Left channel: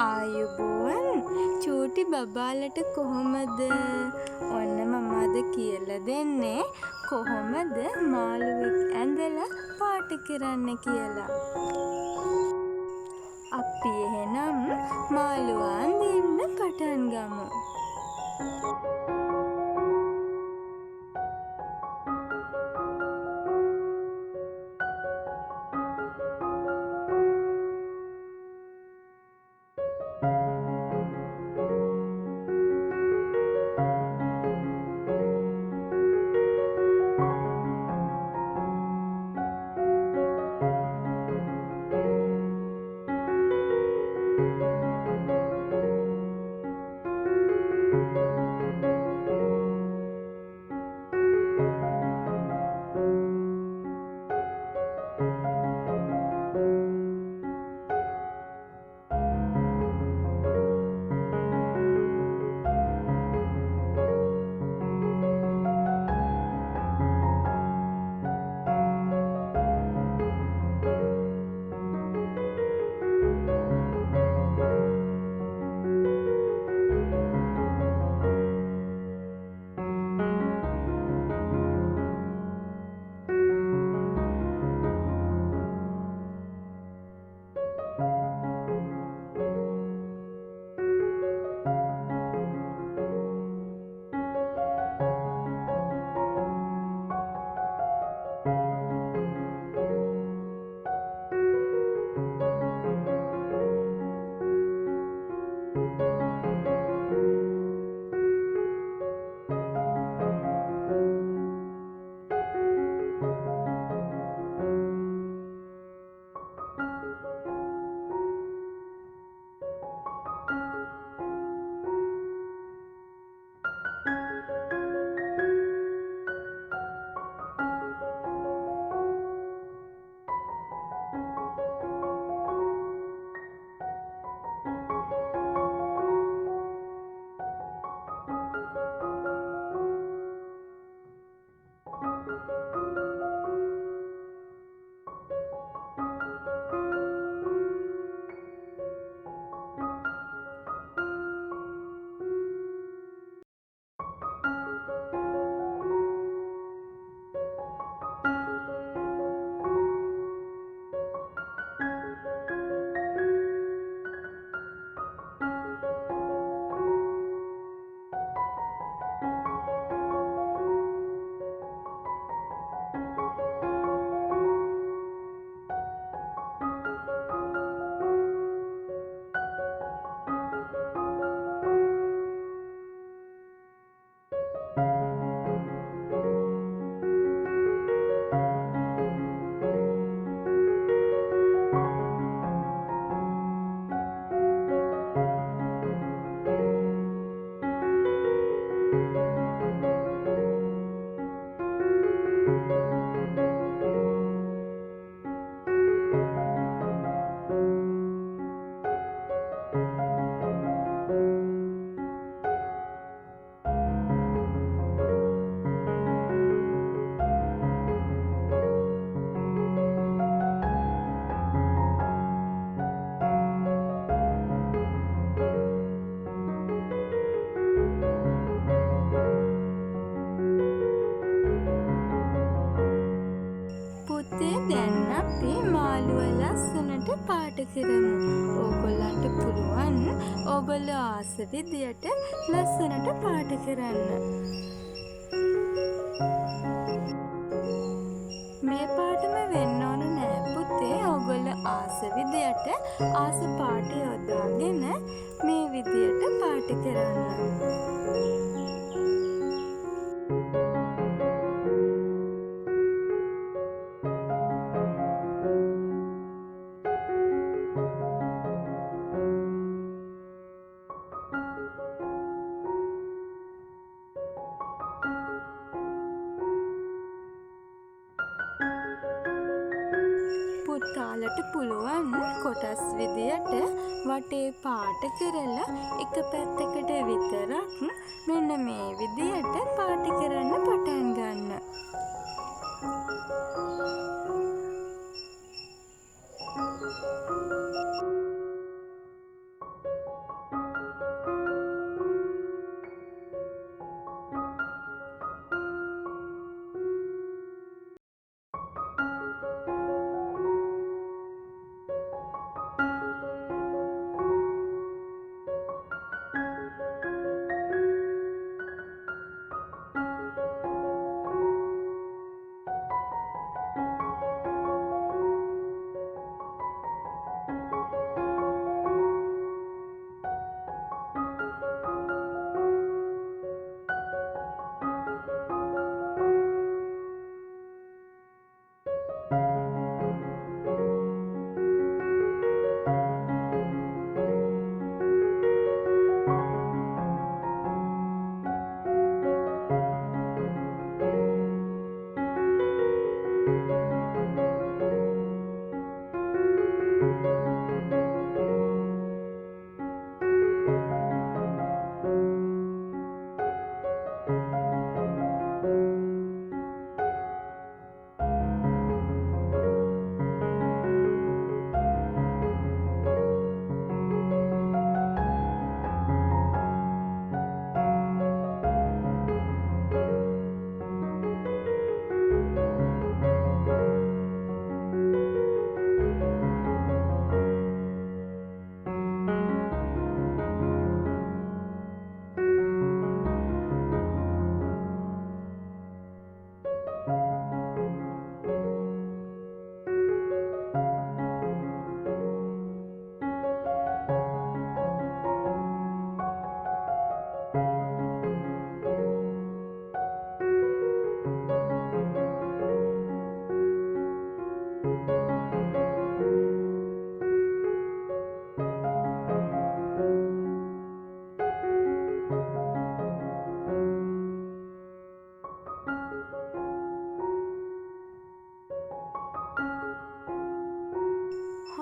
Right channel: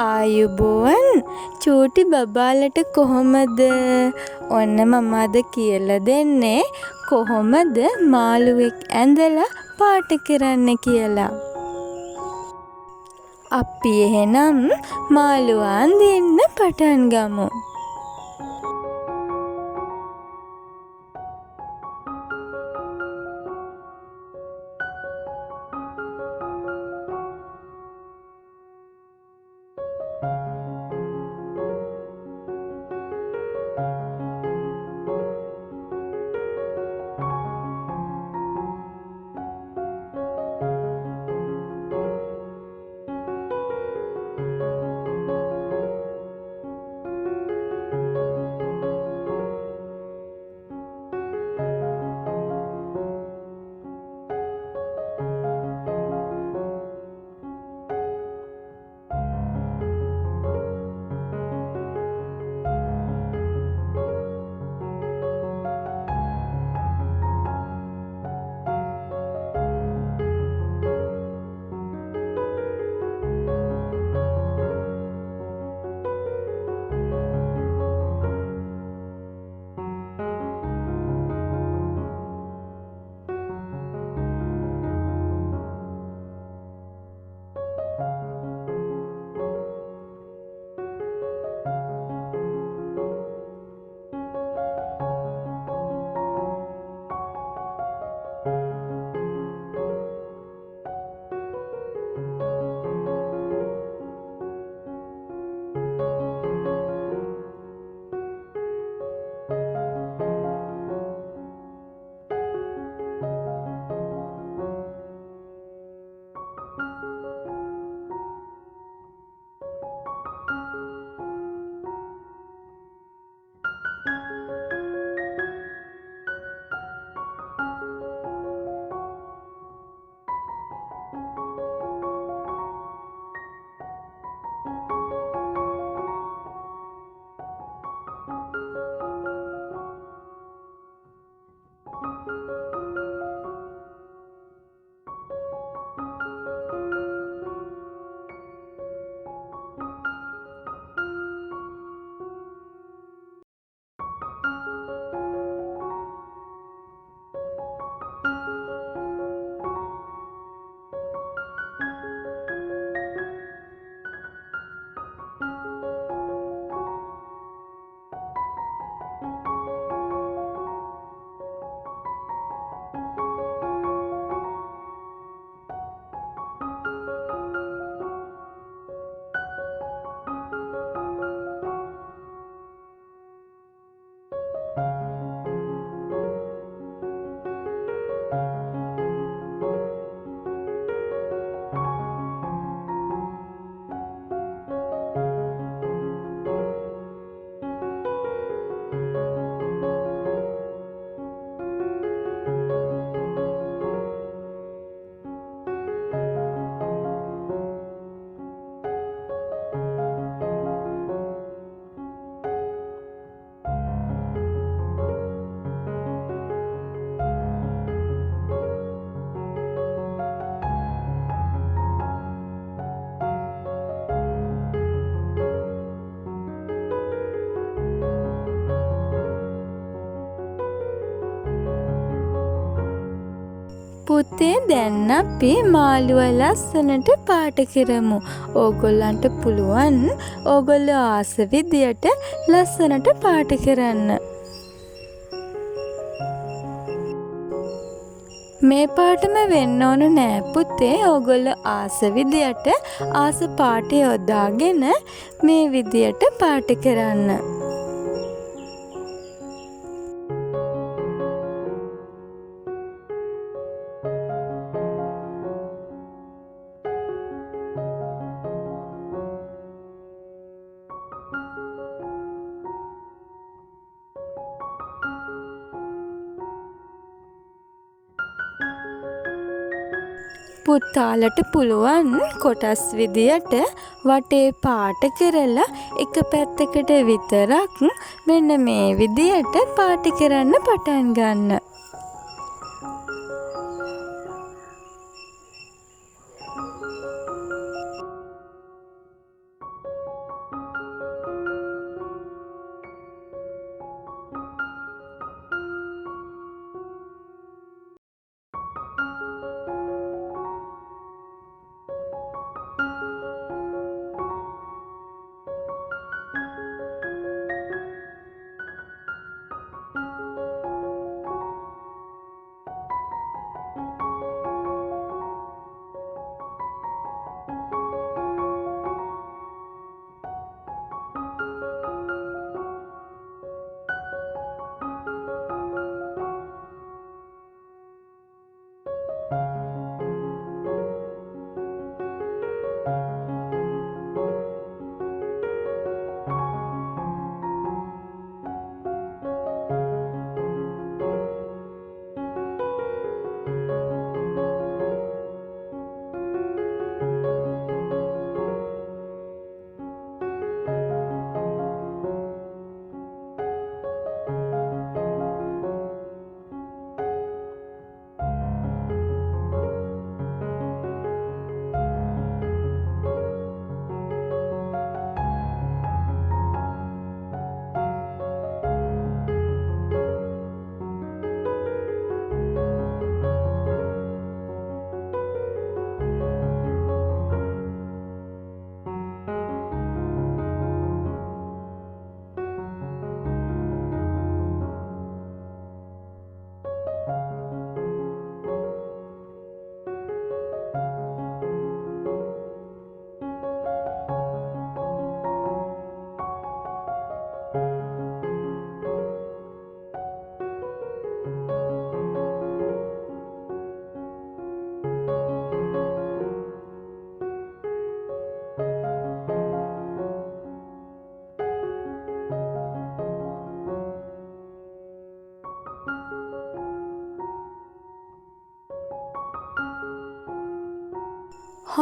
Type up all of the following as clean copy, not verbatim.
ආයුබෝවන් චූටි බබාලට කොහොමද? ඔන්න මම අද කියලා දෙන්නේ කොහොමද මාළුවෙක් ඇඳලා පාට කරන්න කියලා. අපි එහෙනම් මාළුවා අඳින්න පටන් ගමු. පුතේ දැන් අපි මාළුවා ලස්සනට පාට කරමු. ඕගොල්ලන්ට පුළුවන් ඕගොල්ලෝ ආස විදියට ලස්සනට පාට කරන්න. මේ පාටම වෙන්න ඕන නෑ පුතේ. ඕගොල්ලෝ ආස විදියට ආස පාට යොදාගෙන මේ විදියට පාට කරන්න. පුතාලට පුළුවන් කොටස් විදියට වටේ පාට කරලා එක පැත්තකට විතරක් මෙන්න මේ විදියට පාට කරන්න පටන් ගන්න.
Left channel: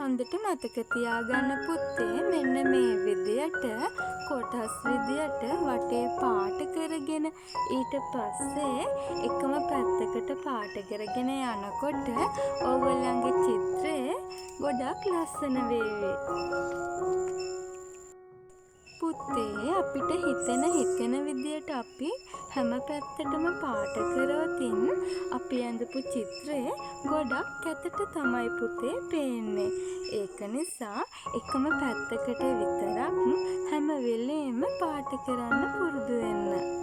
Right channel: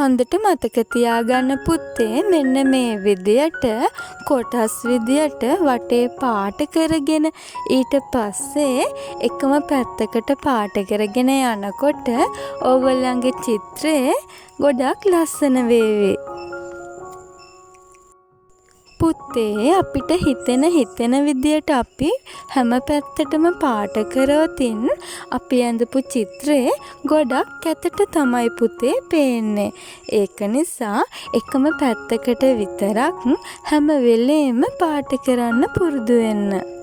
හොඳට මතක තියාගන්න පුතේ මෙන්න මේ විදියට කොටස් විදියට වටේ පාට කරගෙන ඊට පස්සේ එකම පැත්තකට පාට කරගෙන යනකොට ඕගොල්ලන්ගේ චිත්‍රය ගොඩක් ලස්සන වේවි. පුතේ අපිට හිතෙන විදියට අපි හැම පැත්තටම පාට කරවතින් අපි ඇඳපු චිත්‍රේ ගොඩක් කැතට තමයි පුතේ පේන්නේ. ඒක නිසා එකම පැත්තකට විතරක් හැම වෙලේම පාට කරන්න පුරුදු වෙන්න.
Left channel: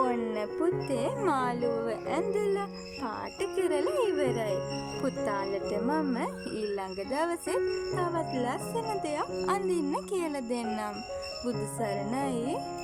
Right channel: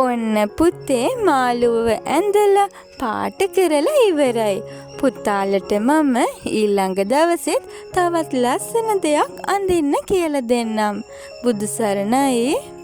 ඔන්න පුතේ මාළුවව ඇඳලා පාට කරලා ඉවරයි. පුතාලට මම ඊළඟ දවසෙත් තවත් ලස්සන දෙයක් අඳින්න කියලා දෙන්නම්. බුදු සරණයි.